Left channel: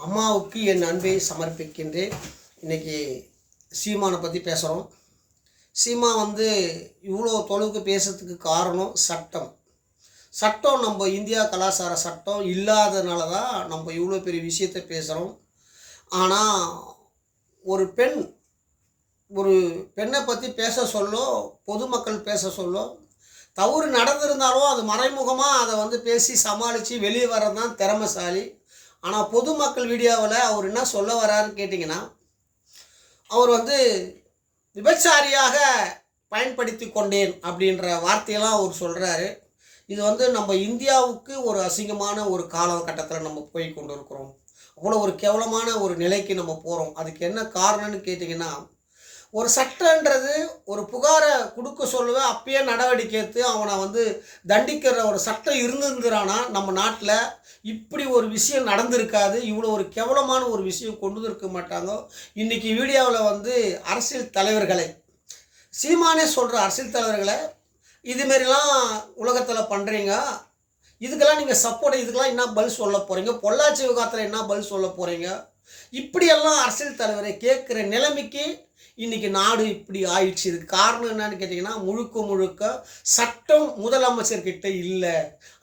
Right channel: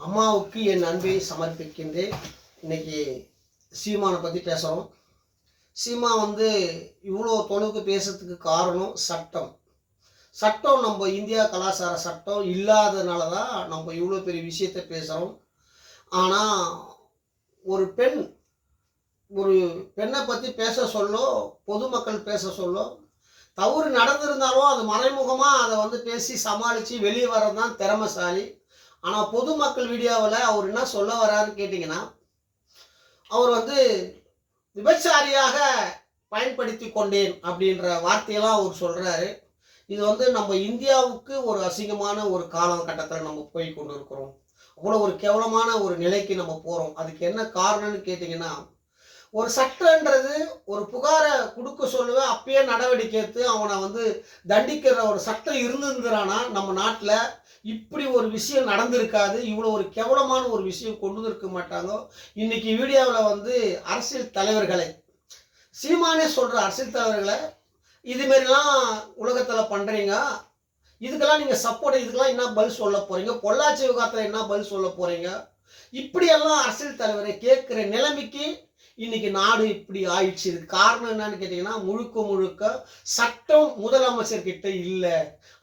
அம்மாவுக்கு என் அன்பை சமர்ப்பிக்கின்றேன். இன்றைக்கி சீமானை பற்றி பேசுகிறோம். சீமா இவ்வளோ தொலைவுக்கு பேசுறதுக்கு காரணம் சட்டம். சட்டம் நம்ம இந்தியா கலாச்சார சட்டம் இல்லாதனால தான் நம்ம இவ்வளோ பெரிய விஷயத்தை பேசுகிறோம். ஆனால் ஒரு பெண்ணை பற்றி பேச சொல்லோ, பொதுமக்கள் பேச சொல்லோ, தவறு நடந்திருந்தாலும் அது மறைமுகமாக அதை பேசி சமாளித்து வெளியே வர்றது தான் திறமைசாலி. ஆனால் பொதுமக்கள் வீடியோவில் அவர் என்ன சொல்ல வராருன்னு கேட்டிங்கன்னா, அவர் விபச்சாரியாக பயன்படுத்தி கொண்டேன் அப்படின்ற வார்த்தையெல்லாம் அவர் சொல்கிறாரு. இது நம்ம இந்தியாவுக்கு ஒரு அசிங்கமான ஒரு காலகட்டத்தில் நம்ம போய் கொண்டு இருக்கிறோம். அவ்வளோ ஒரு கேவலமான ஒரு நிலைக்கு நம்ம போகிறோம். அதுக்கு என்ன காரணம்னு கேட்டிங்கன்னா, ஒரு சட்டன்றது ஒரு புகாரை கொடுக்க சொல்லுவேன், அப்பயே நடவடிக்கை எடுத்து அவனை தண்டிக்கிற ஒரு சட்டம் இருந்திருந்துறானா நம்ம நாட்டில் இப்படி ஒரு விஷயம் நடந்திருக்காது. இவ்வளோ ஒரு கேவலமான ஒரு விஷயம் கொண்டு இருக்க மாட்டாங்க. இன்றைக்கி வீடியோவில் அரசியல் தலைவர்களை, சீமானே சொல்கிற அரசியல் தலைவர்களை, இதுமாரிலாம் உலகத்தில் பண்ணுறீங்க, இதுக்கெல்லாம் நீங்கள் சப்போர்ட், இதுக்கெல்லாம் என்ன பதில் சொல்ல போகிறீங்க, பொள்ளாச்சி விவகாரத்தில் என்ன பதில் சொல்ல போகிறீங்க, இப்படியெல்லாம் அரசியல் தலைவரை கேட்குற நிலைமைக்கு இன்றைக்கி நாடு இப்படி ஆயிடுச்சு. இதுக்கு காரணம் என்னன்னு கேட்டிங்கன்னா, முழுக்க சட்டம் முதலமைச்சர்கிட்ட இல்லை.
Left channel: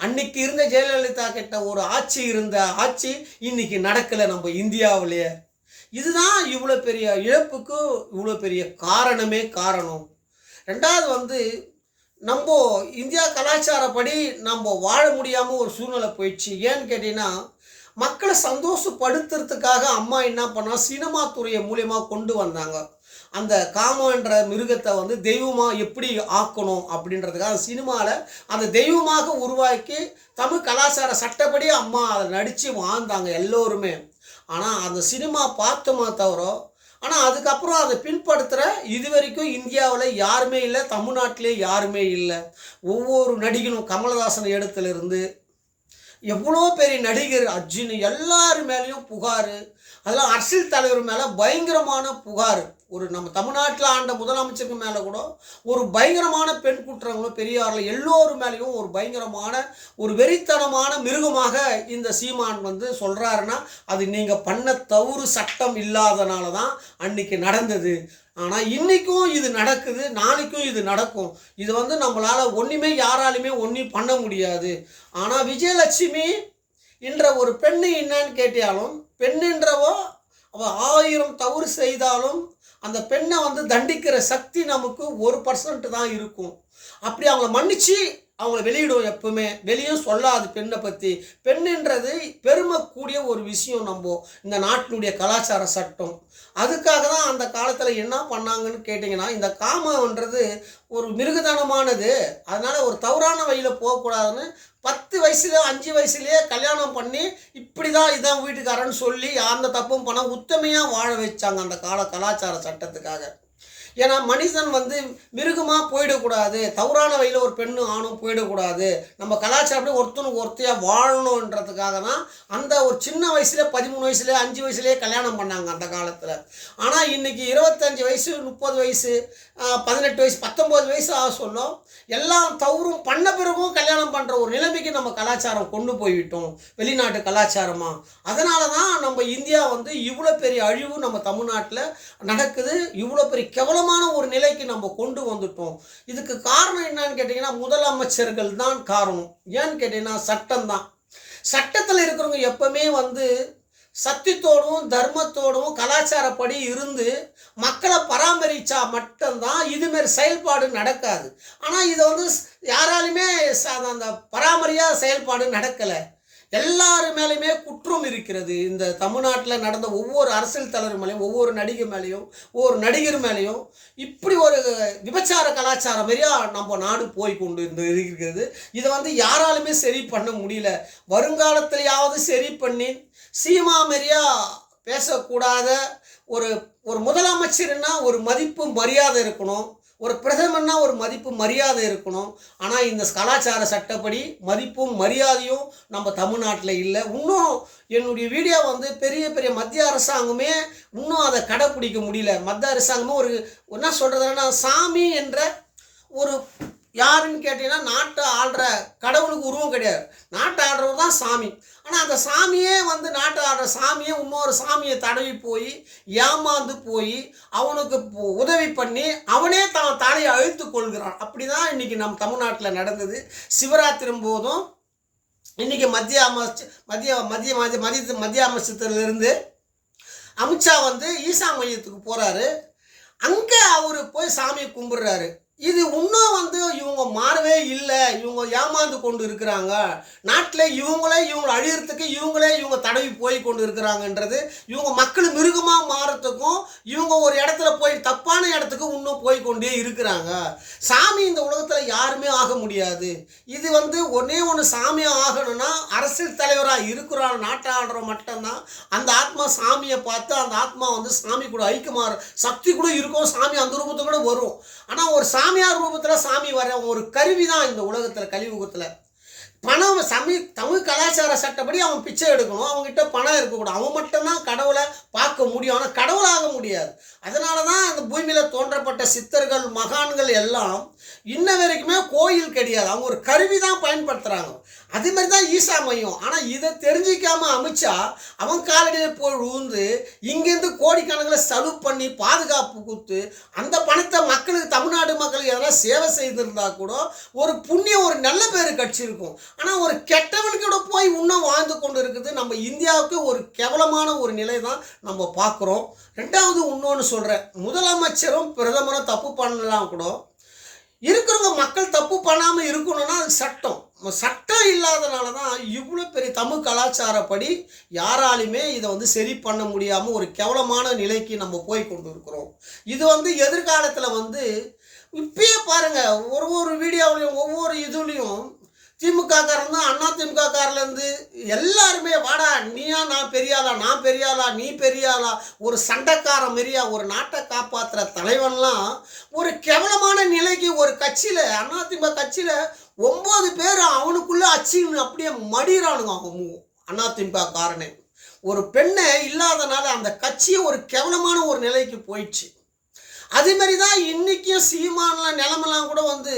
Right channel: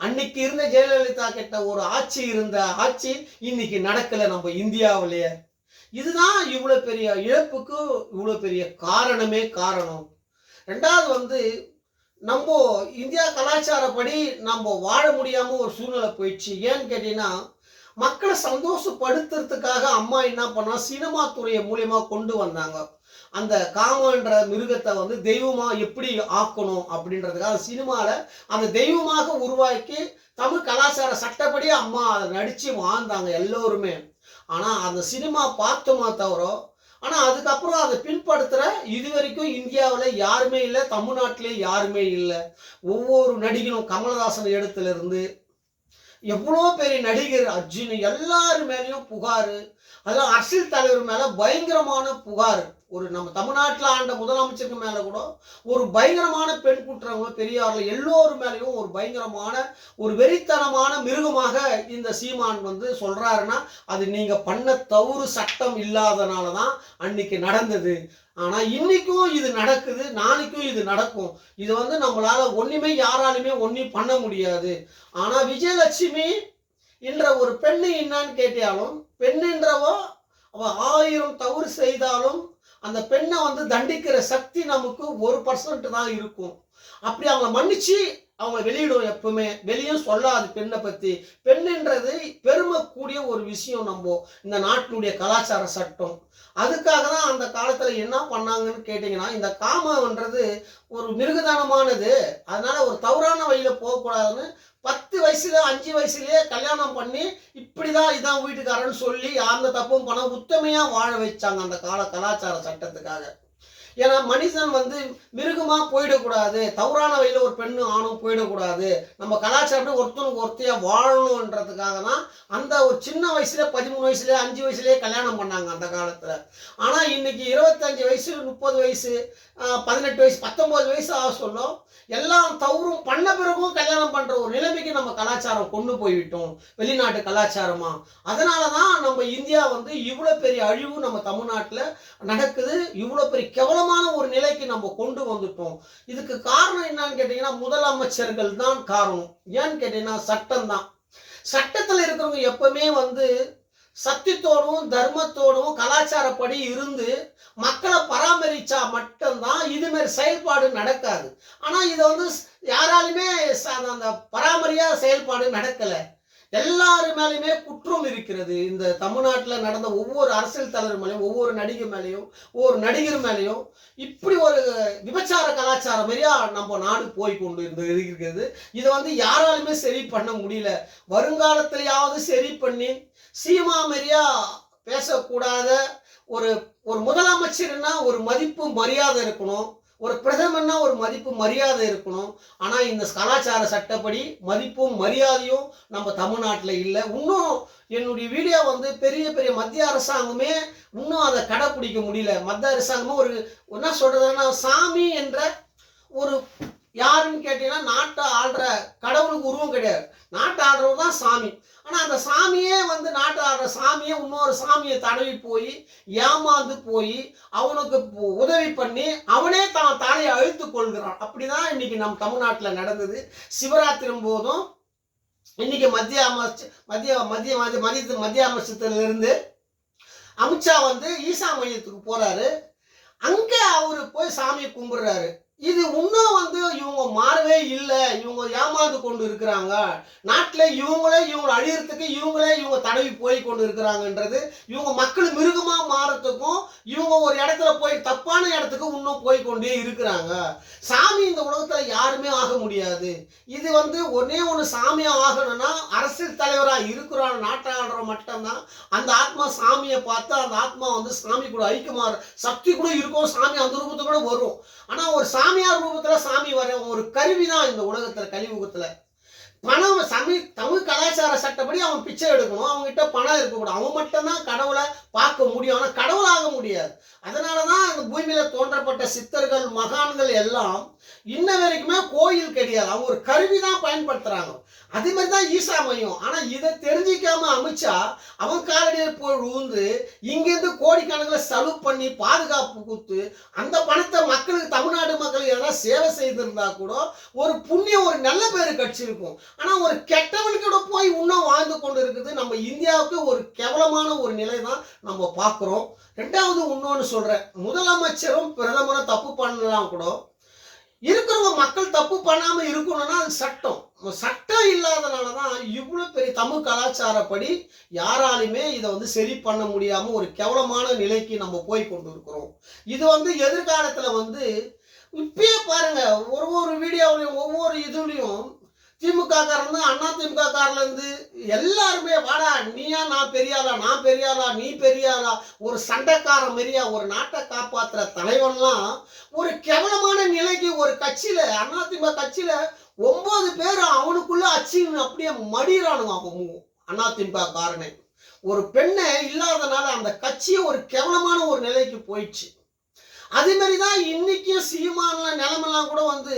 அன்னைக்கு இருந்த ஜெயலலிதா கிட்ட ஒரு ஆட்சி இன்றைக்கி நடக்கலை நம்ம இந்தியாவிலே. இதுதான் இவ்வளோ பெரிய இழப்புக்கு இவ்வளோ பெரிய காரணம். ரெண்டாவது நம்ம இந்தியா கலாச்சாரப்படி நம்ம வாழ முடியாமல் ஒரு சூழ்நிலை போயிடுச்சு. ஏன்னு கேட்டிங்கன்னா, மக்களை சந்தோஷப்படுத்துறதுக்காக அம்மா என்ன பண்ணா, சினிமா துறையை மூலியமாக கொண்டு வந்தாங்க. அந்த காமன்ற மிருகத்தை தெய்வமாக எப்படி ஆக்கணும் அப்படின்றதுக்காக சினிமாவில் அந்த தெய்வமாக உருவாக்கி தமிழ் கலாச்சார சட்டப்படி அம்மா அதை நடித்து வாழ்ந்தாங்க எல்லோருமே. ஆனால் அந்த சினிமா பார்த்தோமா தவிர, ஆனால் அதுக்கப்புறம் அதை பின்படுத்துகிற இது வரைக்கும் இந்தியாவில் யாருமே இல்லை, தமிழ்நாட்டிலே யாருமே இல்லை. ஒவ்வொரு நடிகனும் கமலஹாசன் இடத்துலேருந்து எவ்வளோ பெரிய நடிகர் அர்ஜுன் எல்லார் மேலேயும் புகார். அதெல்லாம் அரசியல் தலைவர் மேலே பயங்கரமான புகார். ஒரு நம்ம தமிழ்நாட்டில் ஆண்ட முதலமைச்சருக்கு மேலே கூட ஒரு பயங்கரமான பெண் குற்றவங்க பெரியாரில் எல்லோரும் மேலேயும் ஒரு பயங்கரமான ஒரு வெறித்தனமான மிருகமாக இந்த சீமான் சொல்கிறாருன்னா, அது நீங்கள் பண்ண தவறு சட்டம் இல்லாதனால தான் அன்றைக்கி நடந்தது. ஆனால் இன்றைக்கும் இது நடக்குது, நாளைக்கும் இது நடக்கும். இது நம்மளால் ஒன்றுமே யாராலுமே ஒன்றும் பண்ண முடியாது. ஆனால் விஜயலட்சுமி என்ற ஒரு பெண்ணு என்னான்னு கேட்டாலும், பெண்ணுன்றவோ அவள் 1000 தவறு செய்தாலும் அந்த பெண்ணை தண்டிக்கிற சக்தி நமக்கு 1% தான் இருக்கும். அப்படி அவங்கள மன்னிச்சு அவங்கள வெளியிடும். எப்பவுமே வெளியும் சொல்லாது பெண்ணை பற்றி. பெண்ணுன்றது பெருமைக்கூடிய ஒரு விஷயம் நம்ம இந்த நாட்டினுடைய கலாச்சார சட்டம். அதுக்காக தான் அந்த காலத்தில் என்ன பண்ணாங்கன்னு கேட்டிங்கன்னா, இந்த காமன்றது ஒரு மிருகதனமானது, அதனால் ஒரு தவறான வழியில் போகக்கூடாதுன்னு 10 வயசுல 5 வயசுலேயே கல்யாணம் பண்ணி இப்படி தான் இதான் வீட்டுக்காரன்னு சொல்லி அந்த தப்பும் பண்ண உத்தமையாக வாழ வச்சாங்க அந்த கலாச்சார சட்டத்துக்காக. ஏன்னா மனுஷன் மிருகமாக போயிடக்கூடாது, தவறான வழியில் ஒரு பெண்ணு ஆணும் போயிடக்கூடாது, நம்ம கலாச்சாரம் ஒருத்தனுக்கு ஒருத்தையாக வாழணுன்றதுக்காக தான் அந்த ஒரு சின்ன வயசுல 13 வயசுலேயே 5 வயசுலேயே கல்யாணம் பண்ணாங்க அந்த காலத்தில். ஆனால் இன்றைக்கி 25 வயசு 30 வயசு 18 வயசு 19 வயசு ஆக சொல்லும் எல்லாம் தவறும் பண்ண பிறகும் கல்யாணம் பண்ணுற ஒரு நிலைமைக்கு நம்ம கலாச்சாரம் கொண்டு போய்விட்டோம், வெளிநாட்டு கலாச்சாரமாக. அதனால தான் நம்ம இந்தியா இவ்வளோ பெரிய அழிவு நம்ம தமிழ்நாட்டில் நடக்குது. இவ்வளோ பெரிய கேவலமான ஒரு நிலைக்கு நம்ம கொண்டு வந்துட்டோம். இதுக்கு காரணம் என்னன்னு கேட்டிங்கன்னா, முதலமைச்சர்கள் தான் காரணம். ஏன்னு கேட்டிங்கன்னா, சட்டம் தான். சட்டத்தில் இருக்கிறவங்க எப்பவுமே சத்தியத்தோடும் தர்மத்தோடும் கலாச்சாரப்படி இருந்து மக்களை பராமரித்தா மட்டும்தான் இதுமாரி செயல்பாடு நடக்காது. ஆனால் இதை யாராலுமே அந்த பராமரியாக செயல்பாடு நடக்கலை. எல்லாரு மேலேயுமே குற்றம் இருக்கிறது. இந்த தமிழ்நாட்டில் நடந்த ஒவ்வொரு அரசியல் தலைவர் மேலேயும், ஒவ்வொரு நடிகை மேலேயும், ஒவ்வொரு நடிகர் மேலேயும் இப்படி ஒரு விபச்சார கலாச்சாரம் மாரியா நம்ம நாடு போய் கொண்டு இருக்கிறது. இதை யாராலுமே சரி பண்ண முடியல. வருங்காலத்திலேயாவது சரி பண்ணி சீமா மாரியா பேசக்கூடாத ஒரு முதலமைச்சர்னா ஒரு மதிப்பு மரியாதை இருக்கணும், ஒரு பிரதமர்னா ஒரு மதிப்பு மரியாதை இருக்கணும். ஆனால் இந்த கலாச்சார சட்டப்படி மதிப்பும் மரியாதையும் நம்ம தமிழ்நாட்டில் இல்லை. இன்னும் என்னுடைய வீடியோ பெரிய பெரிய மத்திய அரசாங்கமே இன்னும் அதை கடைப்பிடிக்க முடியல. மத்திய அரசாங்கமும் என்ன சொல்கிறதுன்னா, சாமி என்ற ஒரு யாருன்னு கேட்டிங்கன்னா, நாட்டை ஆள்ற கடவுளுக்கு உருவம் கிடையாது, நாட்டை ஆள்றவர் தான் சாமி. ஆனால் அந்த சாமியே வந்து நாட்டு ஆடுற சாமியே இன்னொரு சாமியை தடவி போய் ஏமாந்து போய் அவனுக்கு உதவி பண்ணி அவனே தான் தலையை அழுத்து கொள்கிறான். அப்படி தான் இன்றைக்கி நம் தமிழ்நாட்டில் நடந்தது. சிவராத்திரி போதும் இன்றைக்கி மத்திய அமைச்சத்திலிருந்து அமித்ஷா வந்து ஈசா மையத்துக்கு போகிறாரு. அங்கே அவர் போய் சாமியை கும்பிட்றாரு. இது இன்னும் வந்து இவங்க மாறவே இல்லை, இவங்க ஏமாந்து கொண்டு இருக்கிறாங்க, நாட்டில் இவங்களே அழியறதுக்கு இவங்க தடவி போய் கொண்டு இருக்கிறாங்கன்றது, இவங்க மக்கள் மிருகமாக மாறத்துக்கும் இவங்க ஒரு இடத்துல போய் தப்பான இடத்துக்கு இன்னும் போய் கொண்டே இருக்கிறாங்க. சாமி இந்த உலகத்தில் யாருமே ஆக முடியாது. இது வந்து ஒன்று சாமியாக ஆகணும்னா அரசியல் தலைவராக இருக்கிறான் நாட்டாளுறோம் மட்டும்தான் அந்த ஆத்மா சாமியை பார்த்து அந்த ஆத்மா வந்து சாமி கூட ஐக்கியமாக சக்தி கூட இருக்கும், சாமி அந்த ரூபத்தை கூட வரும். ஆனால் ஒரு சாமியார் ரூபத்தில் சாமி வர ஒரு கருவி தான் இந்த உலகத்தில் கலியுகத்தில். பணம் தமிழ் கலாச்சார சட்டப்படி அவன் பிச்சை எடுக்கணும், அவங்ககிட்ட பணம் இருக்கக்கூடாது, அவன் மட்டும்தான் கடவுளை பார்க்க முடியும், ஆனால் கடவுளாக முடியாது. அதனால தான் அந்த பூமியில் தோன்றப்பட்ட சித்தர்கள் மகான்கள் எல்லாம் இன்ன வரைக்குமே கோயில் கிடையாது, அவங்க ஒரு கருவி தான் பயன்படுத்துகிறாங்க. அதே மாதிரி தான் ஈசா மையம். ஆனால் இதை தெரிஞ்சிக்காம அமித்ஷா அவன் காலடியில் போய் விழுந்து இங்கேருந்து கோடிக்கணக்கில் செலவு பண்ணி பாதுகாப்பு கொடுத்து அந்த பணத்தை மக்களுக்கு தமிழ்நாடு மக்களுக்கு எதனா சேவை செய்திருந்தா கூட ஒரு புண்ணியம் ஒரு நல்ல பேர் கட்சிருக்கும். ஆனால் ஒரு கெட்டவனுக்கூட போய் இன்னும் வாழ்ந்து கொண்டு இருக்குது. நம்ம இந்தியாவுக்கு ஒரு கேவலமான ஒரு நிலை தான் நம்ம பார்க்குறோம். ரெண்டாவது இன்னொன்று சொல்கிறேன், முதலமைச்சரும் பிரதமரும் தப்பு பண்ணலாம் கூட இருக்கிறவங்க மக்கள் தப்பு பண்ணாமல் இருக்கணும்னா அது சட்டம் இல்லாதனால தான் இவ்வளோ பெரிய தமிழ் கலாச்சாரப்படி யாராலுமே இதை வந்து சரி பண்ண முடியாமல் ஒரு கேவலமான நிலைக்கு நம்ம போய் கொண்டு இருக்கிறோம். இது வந்து எதிர்காலத்தில் வந்து இப்பயே பாருங்கள், ஒரு வீடியோவிலையும் ஒவ்வொரு இதுலேயும் திமுககாரன் அண்ணா திமுககாரிலேருந்து எல்லாருமே வாடா நீயா நான் பெரியாளா, நான் பெரியாளா, நீ பெரியாளா, ஒரு சண்டைக்கார மாரியா ஒரு நாட்டை காப்பாற்றுற தலைவன்லாம் ஒரு கேவலமான நிலைக்கு ஒரு கட்சியில் அதிமுக கட்சியில் 9 பேர் அவனுக்குள்ளே அச்சின்னு அப்படியே மடிகிறானுங்க. அவங்க அதிமுக காரனே ஒரு பெண்ணை இல்லாதனால அந்த கட்சியை ஒரு கேவலமான ஒரு நிலைக்கு போயிடுச்சு. அதேமாரி தான் இன்றைக்கும் சீமானலாம் நிலமெல்லாம் கூட வந்து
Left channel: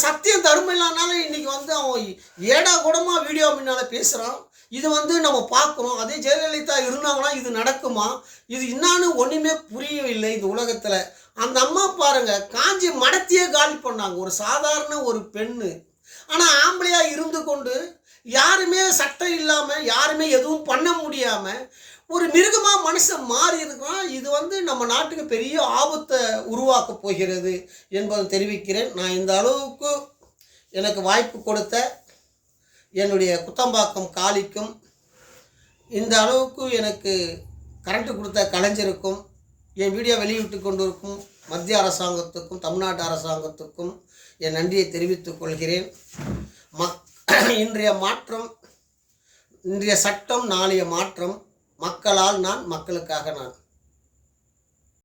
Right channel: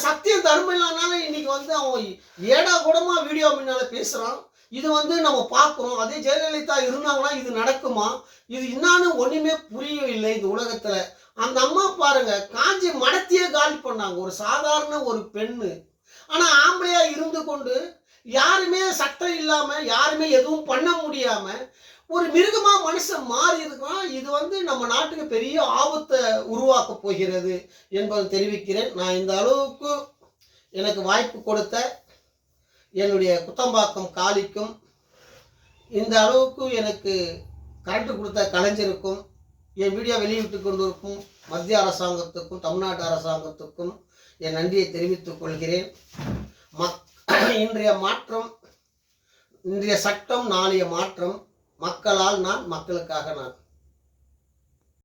சத்தியம் தர்மம் இல்லாதனால இன்றைக்கி வந்து அவன் ஏடா கூடமா வீடியோ முன்னால் பேசுகிறான். இது வந்து நம்ம பார்க்குறோம். அதே ஜெயலலிதா இருந்தாங்கன்னா இது நடக்குமா? இது என்னான்னு ஒன்றுமே புரியவில்லை இந்த உலகத்தில். அந்த அம்மா பாருங்கள், காஞ்சி மடத்தையே காலி பண்ணாங்க, ஒரு சாதாரண ஒரு பெண்ணு. ஆனால் ஆம்பளையாக இருந்து கொண்டு யாருமே சட்டம் இல்லாமல் யாருமே எதுவும் பண்ண முடியாமல் ஒரு மிருகமாக மனுஷன் மாறி இருக்கிறான். இது வந்து நம்ம நாட்டுக்கு பெரிய ஆபத்தை உருவாக்க போகிறது என்பதை தெரிவிக்கிறேன். நான் இந்த அளவுக்கு எனக்கு வாய்ப்பு கொடுத்த என்னுடைய குத்தம்பாக்கம் காளிக்கும், இந்த அளவுக்கு எனக்கு கரண்ட் கொடுத்த கலைஞருக்கும், என் வீடியோ வெளியிட்டு கொண்டிருக்கும் மத்திய அரசாங்கத்துக்கும் தமிழ்நாட்டு அரசாங்கத்துக்கும் என் நன்றியை தெரிவித்துக் கொள்கிறேன். இன்றைய மாற்றம், இன்றைய சட்டம் நாளைய மாற்றம். மக்களால் நான், மக்களுக்காக நான்.